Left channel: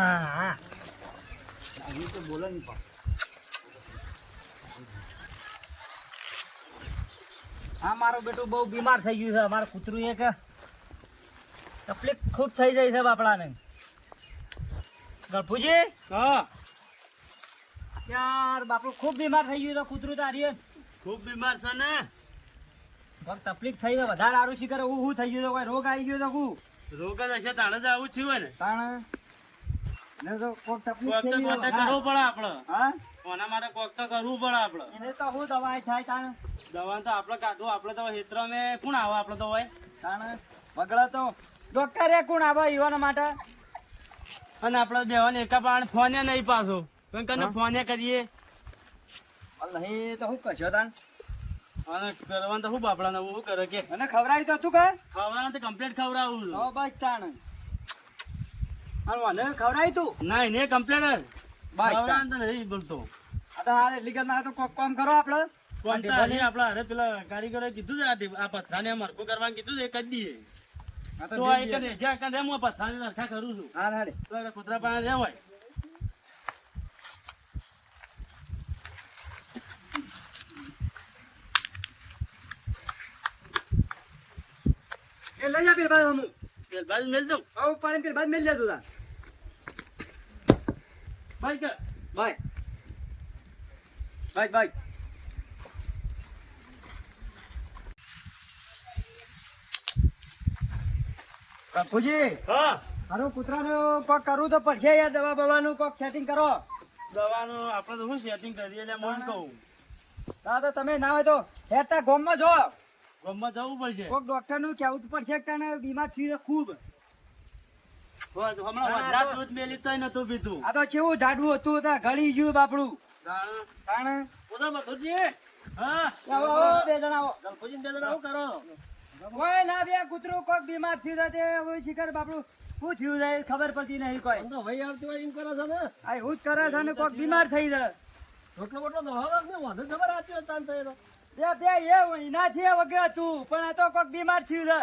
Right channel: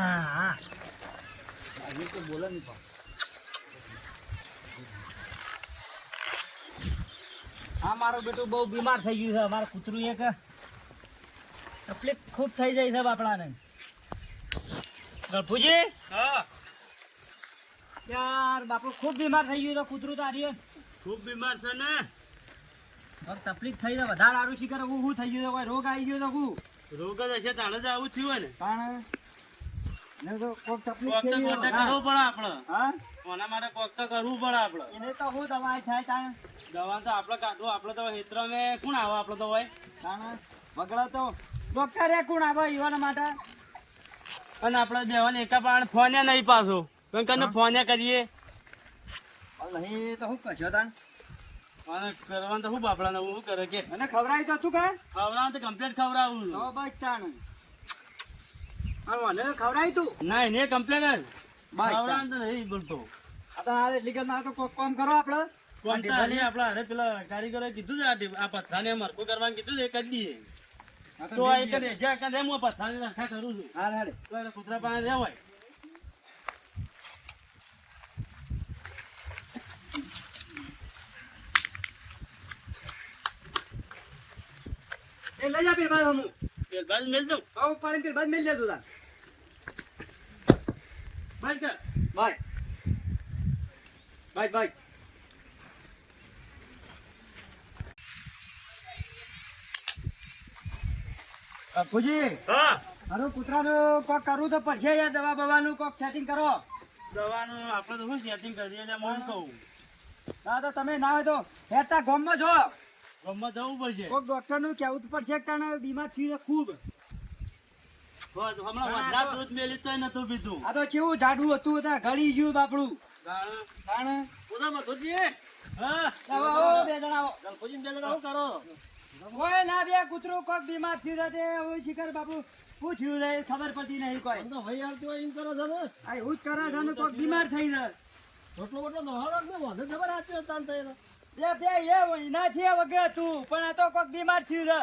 હા આવી તો બોલો નહીં પાપ. હા મારો બેટો બહુ બીમાર થઈ ગયું છે. મારું કૂતરું એક તકલીફ ખૂબ થઈ જાય છે બાપડાને. ગળફુજી હા યાર બાપડું ખૂબ બીમાર થઈ ગયું છે કૂતરું તારી. ખૂબ બીમાર છે ને. તકલીફ થઈ છે વધારે સારું શીખર હું થઈ ગયું કોઈ રોગ આવી ગયો તો હું રોગ જ હશે તાણે જ આવું થયું હોય ને. તાણે ને તો કોક તકલીફ કોક તો થઈ કોન્ટેક્ટ ગયો કરવો પડે આપણે. હા કોના માટે કોક તો કરવું પડે આપણે. એને તો હું દવાઈ થાય તાણે દવા તો આપણે કાઢવું. આપણે તો હેતરામાં કોણ આવે આપણે તો હોય. તાણે વગડા તો ડોક્ટરે કોણ આવે યુવાના માટે. અને આપણે દેવાને એકા પાણ ફોને નહીં પાછો કને ફોને કરીએ નહીં તો હું કશો તાણ અને કરવાનું તો શું બાપડા ને શું કરે કે અને ખવડાવી તો તું કે ખવડાવવાનું તો કમ્પ્લીટ ખવડાવું હો બસ તાણ મને ખવડાવી તું ના ને કમ્પ્લીટ જ બસ ખવડાવવાનું તો નહીં બોલતો. આ તો હારે લીગલ ના તો કોક કામ કરો આપણે કોણતા નહીં આપણે અરે પેલા કારીગરે કીધું છે આ પથરાને મરકું કરવાનું કીધું છે એ કરી દઈએ. તો આ એક જ જ્યાં કાંઈ હું પથરાને નખા કરું છું. હા હાડે તો એટલે કૂતરા પાસે રહેવાય. એ લઈ જા પેલ બાર હમું પેલ બાજુ મેલ દઉં. આવ પાણી પેલ બાદ મેલ જા તું તાર ભાઈ કે બાય બાય બાય બાપુજી હા મારું કૂતરાનું કોક કરવું તો પડશે યાર દવા બવાનું કોક સેટિંગ કરો. દવાનું આપણે તો શું સેટિંગ કરીએ એટલે મન કહું. ના તો તમે ના હોય તો હેઠતા ગોમમાં જો ગામમાં જવું પડશે. કોક ડોક્ટર નું કેવું પડશે કે તને બીમાર થયું છે ખૂબ. હમણાં વધારે દૂધ મેલી તોય નતું પીતું. આ તો કેવું જાડું હતું ત્યાં ગળી ગયું બાપડું તાણે ઉધર મથુરજી. હા આવો આવો બે જણા આવો ગણપતિને બે જણા શું કરો? કોઈ ના બે કૂતરું કોક બીમાર થયું છે તે હવે શિખર બાપડું શું થયું છે એ ખબર પડતી નહીં કોઈ. તો ભાઈ આવતું હોય એમ કરો છો ને. આ એવું જ કરે છે ને કોક બીમાર થઈ જાય. રોટલો બોટલો દવા ને વાંધો ખબર આપી તાન તો એનો. બે એ એનાથી વગર હતું પણ આ તો કોક બીમાર થયું છે.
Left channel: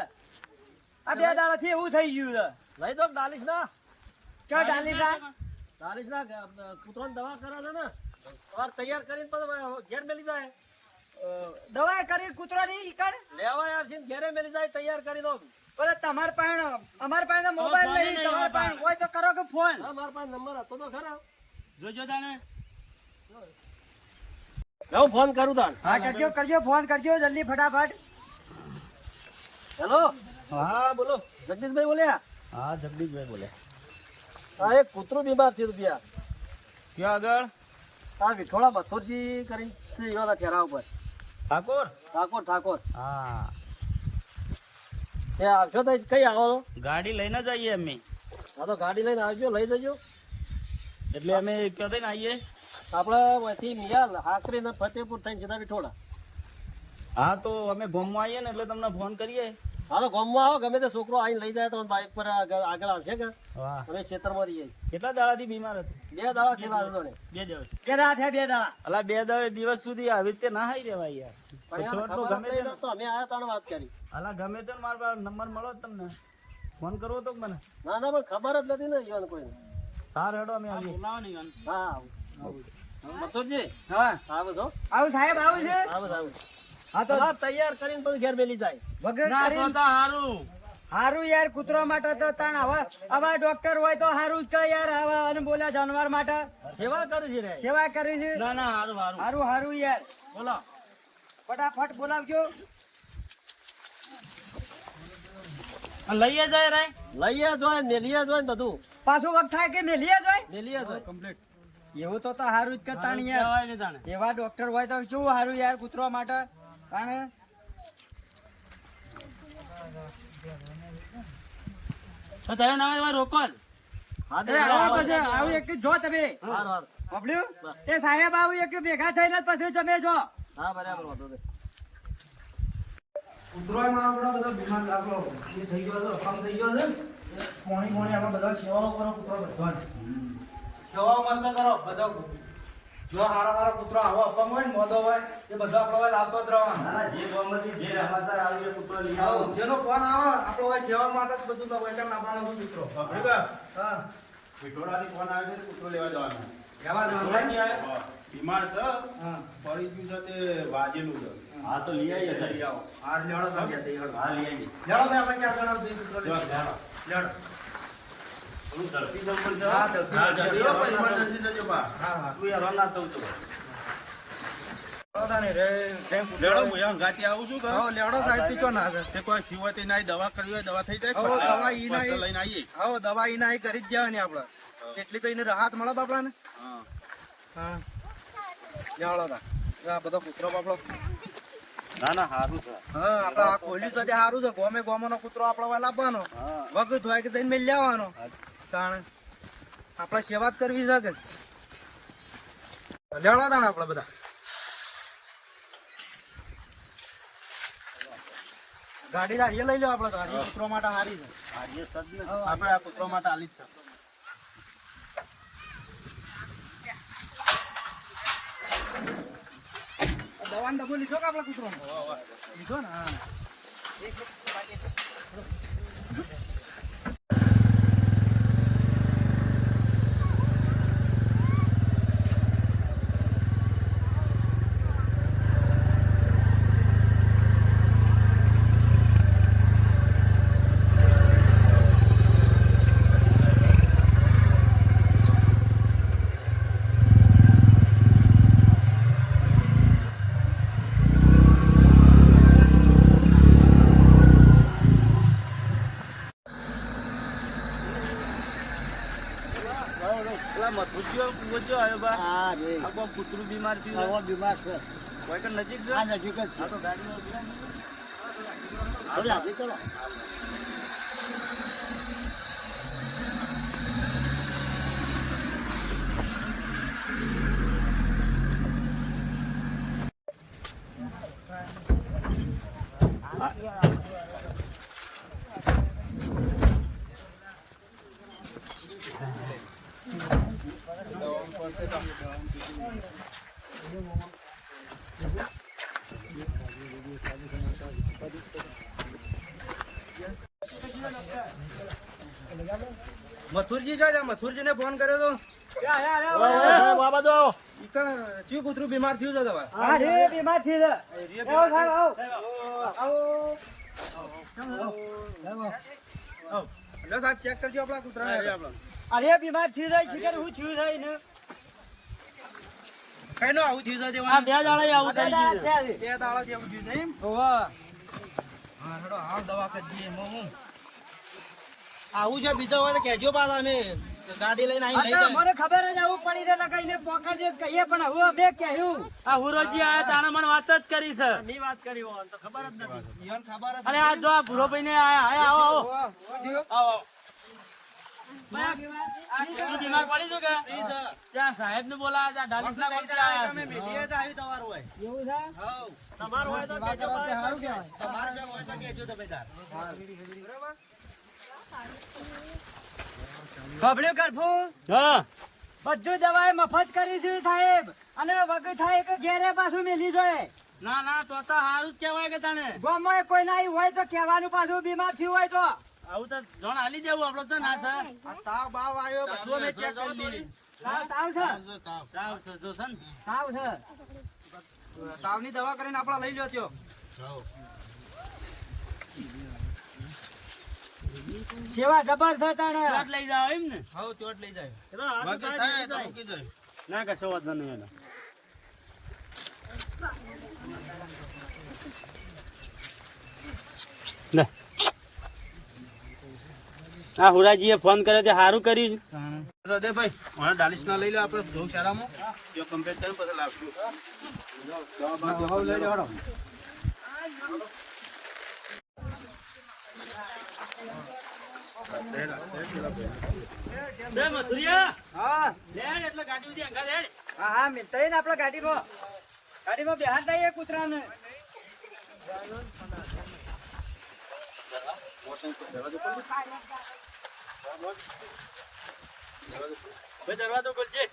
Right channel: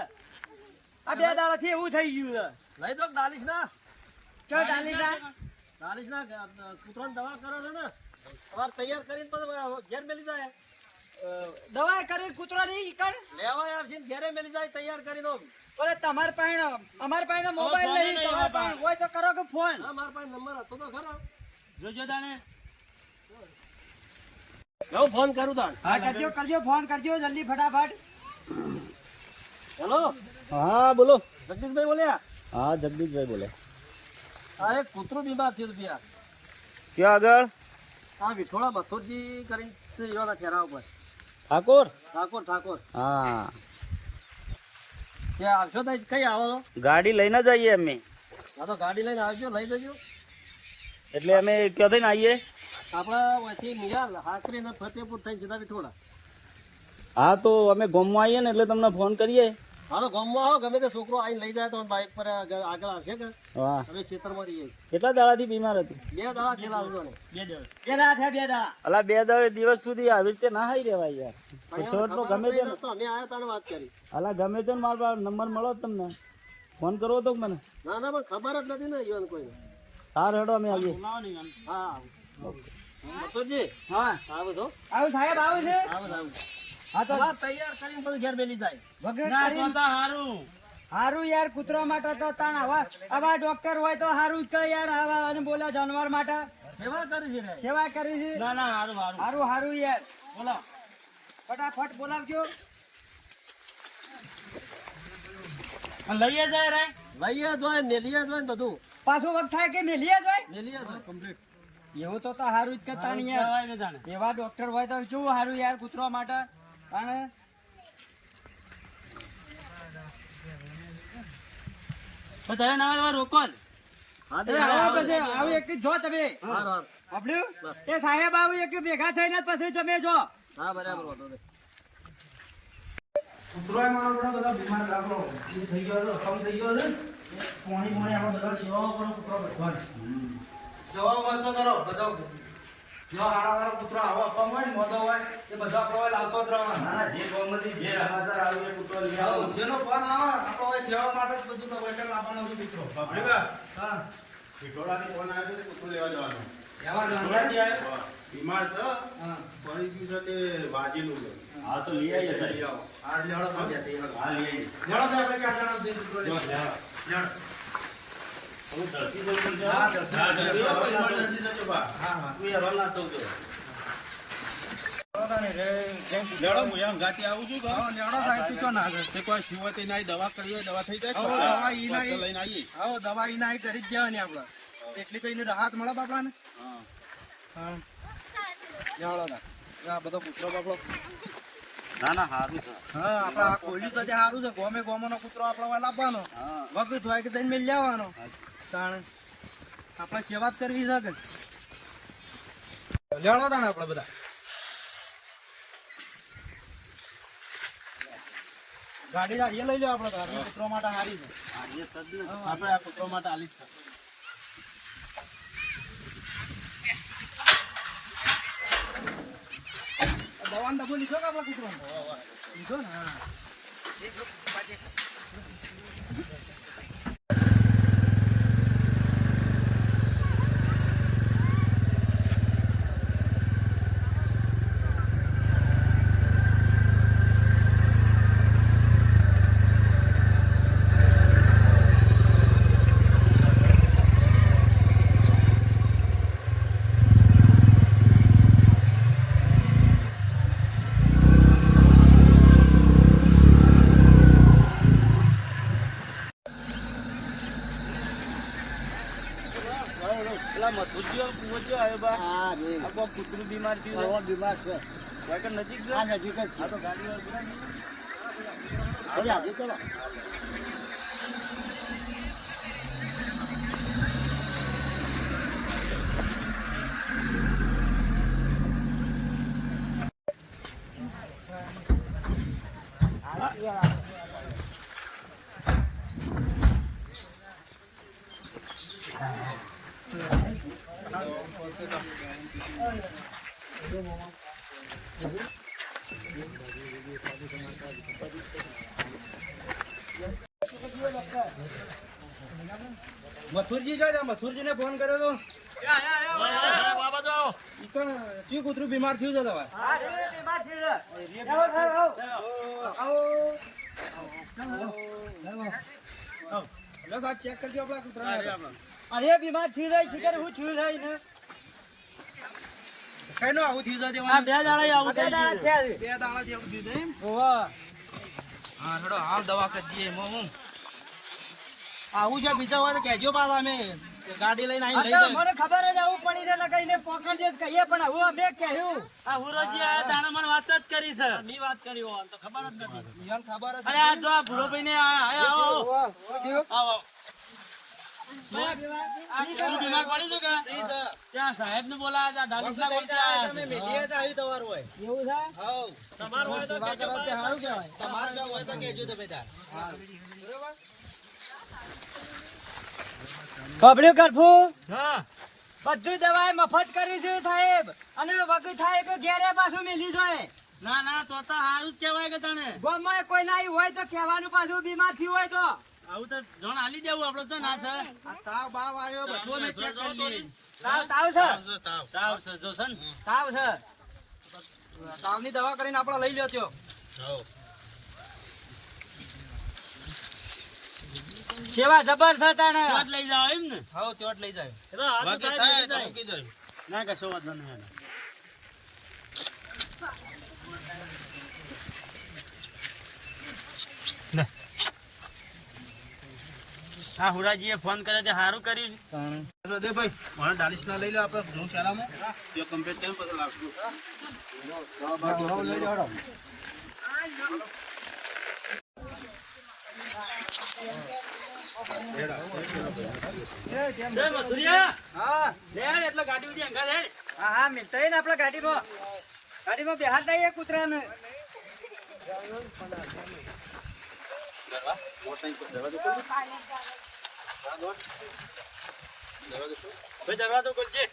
આ બે દાડાથી એવું થઈ ગયું છે. લઈ દો ડાલીશ ના. ચો ડાલી જા ડાલીશ ના કૂતરાની દવા કરો છો ને તમારે તૈયાર કરીને પછી ઘેર મેલી જાય. દવા કરી કૂતરાની ઈકણ લેવાય આવશે ને ઘેરે મેલી જાય તૈયાર કરી દો. બોલે તમાર પાસે અમાર પાસે મોબાઈલ ફોન નહીં નહીં તમાર પાસે હોય તો કરો કે ફોન. હા મારા પાસે નંબર હતો તો ખરા. જોજો તાણે. હું ફોન કરું તાણ. હા કરજો કરજો ફોન કરજો જલ્દી ફટાફટ. હેલો. હા બોલો જગદીશભાઈ બોલ્યા. હા જગદીશભાઈ બોલે. હા એક કૂતરું બીમાર થયું હતું ત્યાં. ક્યાં આગળ? આ વિઠોળા મથુરજી કરી છે એવાના ચહેરા ઉપર. ઠાકોર ઠાકોર. હા એ આવશો તો કઈ આવો છો? ગાડી લઈને જઈએ અમે. હા તો ગાડી લઈને આવજો લઈ જજો. એટલે અમે ક્યાંથી ને આવીએ? આપણે અહીંથી મિયાલ હાકરી ને ફતેપુર થઈને સીધા વિઠોળા. હા તો અમે ગામમાં આવીએ ને એટલે તમને ફોન કરીએ. હા તો ગામમાં આવો ગમે તે છોકરો આવીને લઈ જાય તો બાઇક પર આગળ આવશે કે હા અમે ખેતરમાં રહીએ. કેટલા દાડાથી બીમાર હતી? 2 દાડા થયેલા હતો ને. 2 દિવસ. બે દાડા થયા 2 દાડા. અલા 2 દિવસ સુધી આવી રીતે ના થઈ રહેવાય યાર. ગમે તે તો અમે આયા તાણે વાત કરી. અલા ગમે તે મારો નંબર મળો તમને ફોન કરવો તો મને. ના ના પણ ખબર જ નથી ને ઈવન કોઈ. હા રેડો અમે આવીએ. હા મથુરજી હા આવો તો આવું સાહેબ આવું છે. આવો. હા તો તૈયાર કરીને પછી ઘેર મેલી જાય. વગર કરીને હારું યાર કૂતરા માટે તો તાણ આવા ડોક્ટર હોય તો હારું જ છે યાર. આવા અને બોલ્યા જાનવર માટે સેવા કરી છે રે. સેવા કરી છે. ના ના હારું હારું યાર બોલો. ફટાફટ બોલાવજો. લઈએ જાય રે. લઈએ જોય મેલીએ જોય ને બધું. પાછું વખત થાય કે મેલીએ જોય. મેલીએ જોય કમ્પ્લીટ. એવું તો હારું જ કરતા નહીં યાર. એવા ડોક્ટર હોય તો શું હારું યાર કૂતરા માટે. કારણ તમે ના રોકો જ. આવું એક જો તમે સાંભળ્યું તે સાહેબ આવું એક ભેગા થઈને પછી તમે જો. હા બરાબર વાંધો નહીં. કૂતરોય મારો બધા બીમાર લાગો એ થઈ ગયો હતો કમ થઈ ગયો છે પોણી આપણે બધા સેવાઓ કરો કૂતરો ભગવાન સેવાઓ મસ્ત કરો બધો જો હારા કૂતરો આવો અપમ હોય મોદો હોય એ બધો આપણે લાવતો જ રહેવાનો. જે ગોમતી જે રમાતા આવે કૂતરો લઈ આવો. જેનો ફોન આવે આપણે હોય સેવા માટે જ બધું તો પૈસા લાવવાનો છું મિત્રો. હા વિઠોડાથી ફોન આવ્યો તો કૂતરો લેવા જવાનો. લેવા જવાનું હોરાજી ભાઈ? આયા? બીમાર છે, હા. પડી ગયું છે તે વાજીનું છે. હા તો લઈ આવીએ લઈ સાહેબ. આવો. હાર લેવડો તમે ગયા તે હેડો. હા લઈ આવીએ. લેવડો તો આપણે ચાર જણા બે કૂતરો લઈ લેવડો. આવો. લેવડો. થોડું ઝડપી જવું પડશે. હા, ઝડપી. હા, ઝડપી. એવો પણ emergency છે જો બા. હા હા. તું યાર રન ના થવું તો. લેવડો તાને રે જેમ કૂતરો. લેવડો, હું અહીંયા હંગાથી આવું છું કે? હા, લેવડો સાહેબ તું ચો ના છે. તે કોઈ થયું હોય તે ના દવા કરવી હોય દવા થઈ જાય. હો, દવા ઈ ના પાછળ લઈને આવીએ. હા દવા ઈ ના ઈ કરી જ જવાની આપણે એટલી તો એને રાહત મળે બાપડાને. હા. હા લેવડો તા આ બધો કૂતરો બાપડો. ના ના સારું છે. હા આપણે આ કોહલી સાથે સારું છે ગોમે ગોમનો કૂતરો આપણે લાવવાનો હા. વગત હોય કે જઈને મેળ લેવાનો તાણ આપણે સેવા જ કરવી છે કે લેવડો તાણ આપણે બધા ગાડી હારીએ લઈ લો આપણે તો હારી કૂતરો માટે હારી છે. આજે સદી આપણે આ કૂતરો માટે આલી જ છે. દવાનો ડબ્બો લીધો કે આપણે કૂતરો લીધો ને હા પેલા મથુરજીઓ કુવરજીઓ આવ્યો બા. આ કોઈ કૂતરું બીમાર થયું છે. બીમાર છે કોઈ કે નજીક છે. આ નજીક જ આ તો ગાડી વાળો બોલાવી. થોડી આગળ ચલો મથુરજી ક્યાં છે મથુરજીને ફોન કર્યો તો બાબા જો ઈકણ ચિયું કૂતરું બીમાર થયું છે તમારે હા રે બીમાર થઈ છે આવો લો સાહેબ ચેક કરજો આપણા કૂતરાને અરે બીમાર થઈ જાય શિખર હું થયું થાય ને કઈનો આવું થયું છે આ દેવાનું? બે દાડા આવું બે દાડા થયા છે. બે દાડા જેવું થયું છે એમ ઓવા હા હેડો હાલ દવા કરી દઈએ મોમ આવું છે બીજા હોય તો કહેજો પાછા અમે ગાડી લઈને આ આવીને તો લઈ મને ખબર જ આવું પડી રહે ને કઈને પોકાડજે જ કહીએ પણ હવે અમે કહ્યું આ હુરોજી આયા તાણે મને વાત જ કરી છે. ની વાત કરી હોય તો ખબર જ નથી. જાય યાર ખબર જ અરે આ જો આ ભૂરોભાઈ ને આયા આવો આવો. આવો, આવો. આવો આવો. આ કૂતરું બીમાર પડી છું કે ત્યાં સાહેબ ને બોલાયા હતા ડાલીસના વખત બોલતા આયા તમે છે. મેલીએ જ આવ્યું તમારું હોય એવું છે હાઉ તમારું હોય તો સેવા કહેજો કરો તે ભાઈ. સારું કહેવાય તમારે જો હોય તો કહેજો તમે તાર બરાબર ખબર્યું કરફું હા બધું દવાઈ મફત કરી છે સાહેબ અને વગર થાય કે ઘેરે પાછું મેલી જાય ના ના તો સારું જ કહેવાય કે તને ગામમાં કોઈ ના હોય તો કહેવાનું પાછું બીમાર થયું હોય તો આવું તો જોણ હાલી દેવું આપડે તો ના છે. આ તાવ બાવ આવ્યો બધું અમે ચેક કરી લીધું તાવ તાવ છે તાવ છે જો છે ને. તાવ છે તાવની દવા કરીને આપણે લઈ લ્યો ત્યો સેવા જબરદસ્ત આને ચોટ લઈ જાવ એમ ને. હાઉ ચોટ લઈ જાય એટલે હાથ તો બાકી થાય થાય લઈ તો જાય. મૂકી દે. ના કશો વાંધો નહીં એને. લે. હા હુરાજીએ ફોન કર્યો તે સારું કર્યું. દે ભાઈ મને ડાલીસ ના લઈ લે આપણે જો શાળામાં તે કમ્પ્લીટ કરીને પછી લાવશું. હાઉ લઈ જાઓ લે મથુરિયા હા લેડ એટલે ગાડી ઉધી અંગા લેડ. હા હા મિલતા ને આપડે ગાડીમાં બેહાર દઈએ કૂતરાને દરવાજો ખોલ દે. ભાઈ દરવાજો ખોલજે.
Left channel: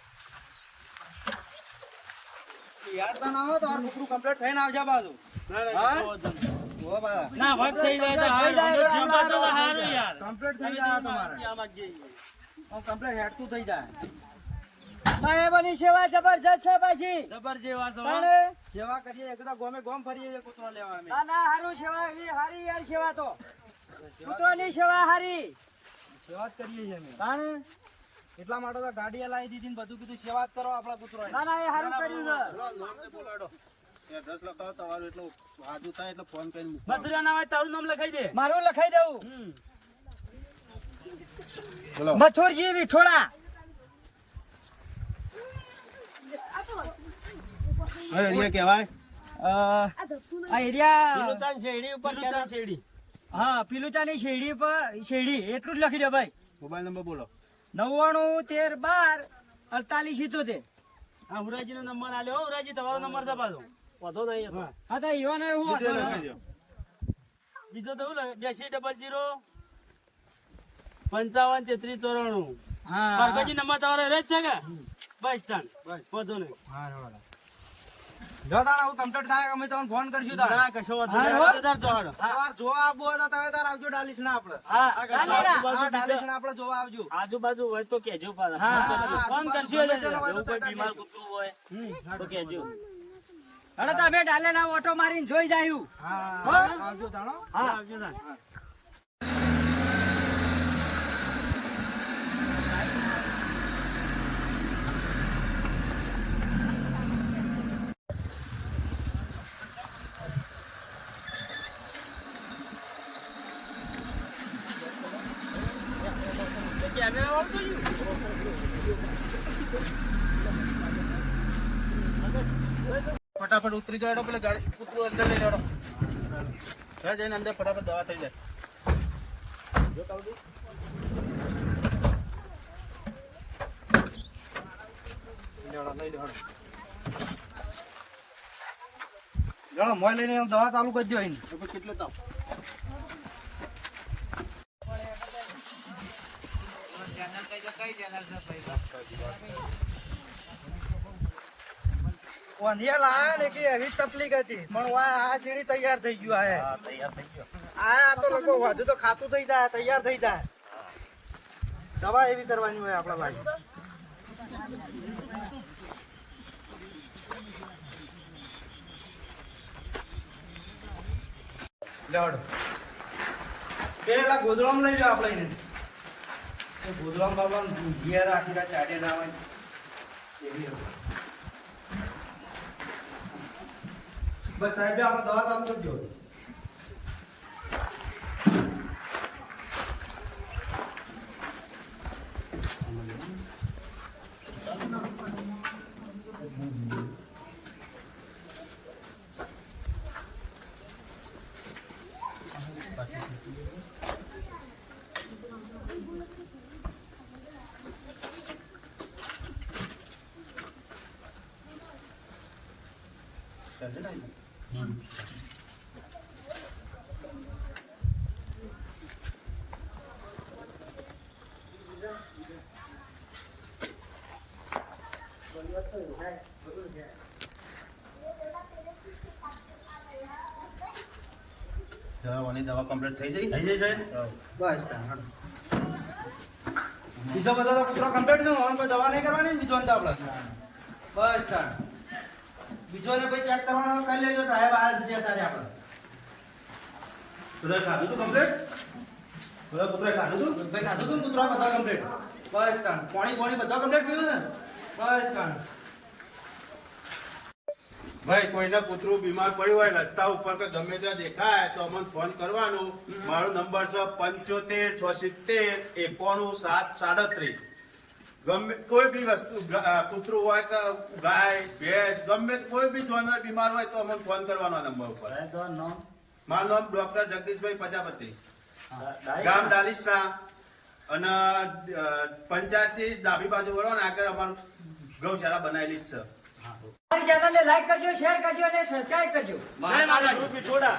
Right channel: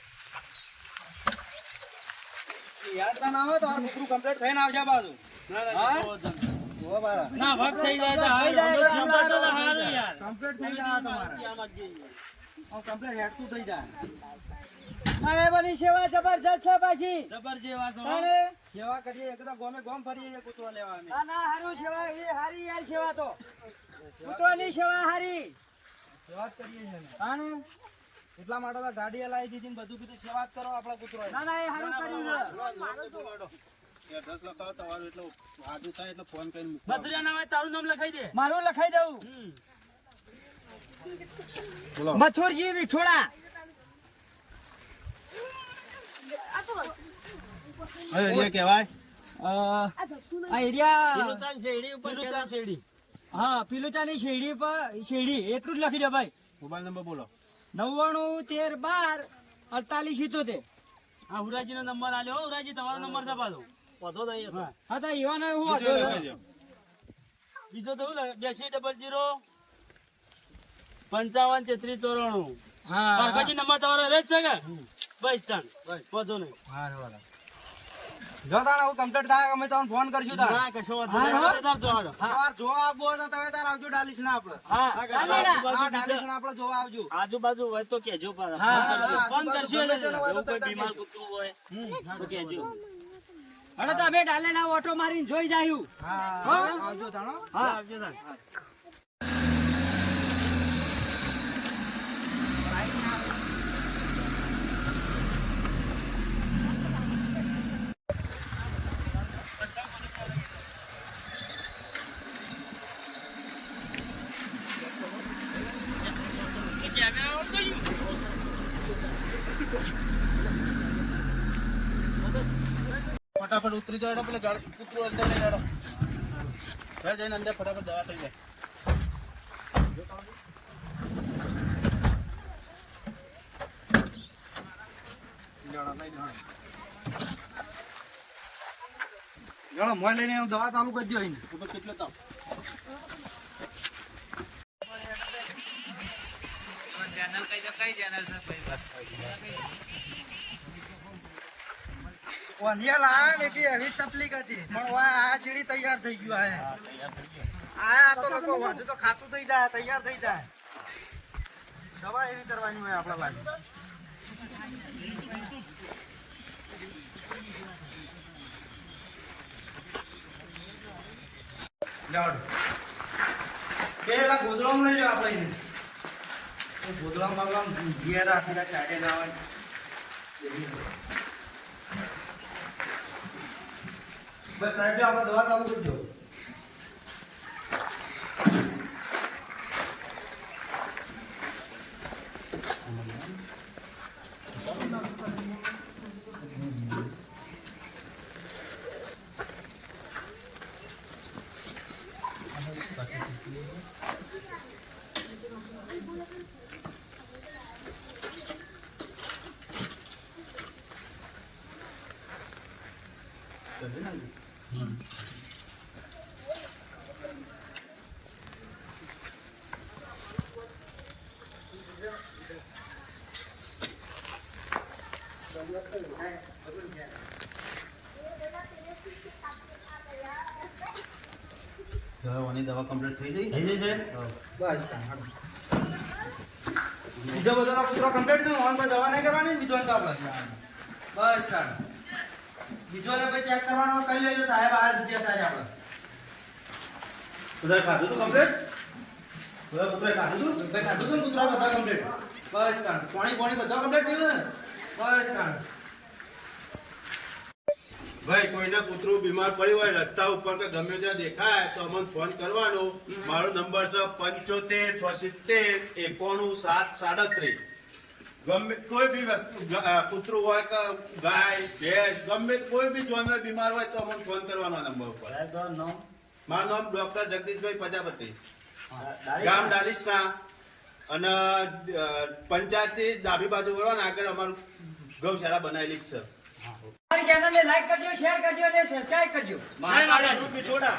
યાર તા ના હોય તો આ કૂતરું કમ્પ્લીટ થઈને આવશે બાજુ ના ના હા? કશો વાંધો નહીં. ઓ બા ના વાત થઈ જાય તો થઈ જાય હારું. તો જીવ બચે તો હારું. હારું યાર. કમ્પ્લીટ થઈ જાય તમારે આમાં જઈએ. કમ્પ્લેટ હેડતું થઈ જાય. સાહેબની સેવા જબરજસ્ત છે પાછી. જબર જેવા છો તાણે સેવા કરીએ એકદા ગોમે ગોમ ફરીએ છીએ કૂતરો લેવા અમે. ના ના હારું સેવા એવી હારી યાર સેવા તો કૂતરોની સેવા હારી. સેવા જ કરીએ છીએ અમે. તાણે એટલા માટે તો ગાડી લાવી દીધી ને બધું કીધું સેવા જ કરો આપણા કૂતરો. ના ના એ હારું કર્યું છે. બોલો, નોમને બોલાડો. એડ્રેસ લખાવો તમારું, એટલો સાદું થાય એટલે ફોન કરીને મૂકવાનો. મધુરા ના હોય તારું નામ લખાઈ દે. મારું લખાઈ દઉં. બોલો. મથુરજી વિઠોડા. હવે એરિયા કહેવાય આ એરિયા પીલુચાન શેરડી ઉપર પીલુચાન શેરડી. હા પીલુચાની શેરડી પર શેરડી એટલું જ લખી દો ભાઈ. મોબાઈલ નંબર બોલો. 9913124878. હા હુરાજી નો નંબર આલ્યો. હો, હુરાજી તમારો નંબર છે પાછો. વધો નહીં. હા તો ઈવાને હું બીજો હતો. લખાઈ દો. બીજો તો શું લખે? 8000553394. હા પારકાજી નંબર તમારો રહે જ છે કે? બસ તાણ. વધો નહીં. જો તાણ આવું કમ્પ્લીટ થાય અમે તમને ફોન કરશું તાણ. ના કશો વાંધો હા, નહીં. હો. તાર તો હાલો. તમારે જોવા આવવું હોય તો તમે તાર આવજો ડાલીસ ના આપણે. હા ચાલે ના. હા ડાલીસ ના આપણે જોવા આવજો. આજુબાજુ હોય તો કેજો પાછા. હા, ફોન આજુબાજુ કરશું ગમે તેનો હોય તો એવું કોઈ તાર બીમાર કહેજો. કૂતરું હોય તો કેજો. હવે તો અમે ડાલેના ઓટો મારીને જોઈ જાયું. હા હો? આવજો તાણ હો. હા આવજો તાણ. ફટાફટ ઉતરી જાઓ, પેલા ગાડી કૂતરું અંદર લઈ જાઓ. ત્યાં જઈને અંદર ફટાફટ દવા થઈ જાય. ગણો મોય લઈને દવા ચાલુ કરી દો અહીં. ઉપર કેટલો તાપ? ઓનિયા લાયા ને કે એવી તકલીફ હતી પણ વાહ આ સીડી તૈયાર થઈ ગયું આ આ તો લોકો હજુ તો ખાતું થઈ જાય તૈયાર થઈ જાય. દવા એવી કરવાની હોય આપણા ભાઈ. લેવડો પેલા ગોદડામાં લઈ જાઓ આપણે એને. એ ગોદડામાં બાબલા ઘેર રાખીને ચાટે જવાનું. બસ સાહેબ આપણે દવા ચાલુ કરી દો. દવાની દવા કમ્પ્લીટ થઈ ગઈ. થઈ જશે. બસ તાણ. બીજો બધા તો કૂતરો કમ્પ્લીટ છે હું કોઈ દવા નહીં કરવાની ને બીજો તો આપણે બસ તાણ. બીજો ને ભાઈ ચેક કરવાનો હોય કરી લેજો સાહેબ આ જગ્યા થાય આપણે. બધા ખાધું તું કમ્પ્લીટ? બધા કૂતરાએ ખાધું તું? ભાઈ ખાધું તું ને કૂતરા બધા કમ્પ્લીટ. બસ તાણ. પાણી બધા કમ્પ્લીટ પીવું ને બસ તાણ. ભાઈ કોઈને કૂતરું બીમાર પડ્યું હોય રસ્તા ઉપર કે ગમે ત્યાં દેખાય તો અમને ફોન કરવાનો. મારો નંબર છે 75 ગમે કોઈ બી વસ્તુ કૂતરું હોય કે ગાય ભેંસ ગમે કોઈ બી જાનવર બીમાર હોય તો અમને ફોન કરવાનો આ નંબર ઉપર. સાહેબ તમારું નામ? મારું નામ ડોક્ટર જગદીશભાઈ પ્રજાપતિ, ડાયરેક્ટ ગામ ડાલીસના, અને પંચાયતથી ડાબી બાજુ વળો ને આગળ અમારું ગૌશાળા બનાવેલી જ છે. અમારી ચેનલને લાઈક કરજો, શેર કરજો અને સબસ્ક્રાઇબ કરજો. મારા રૂપી થોડા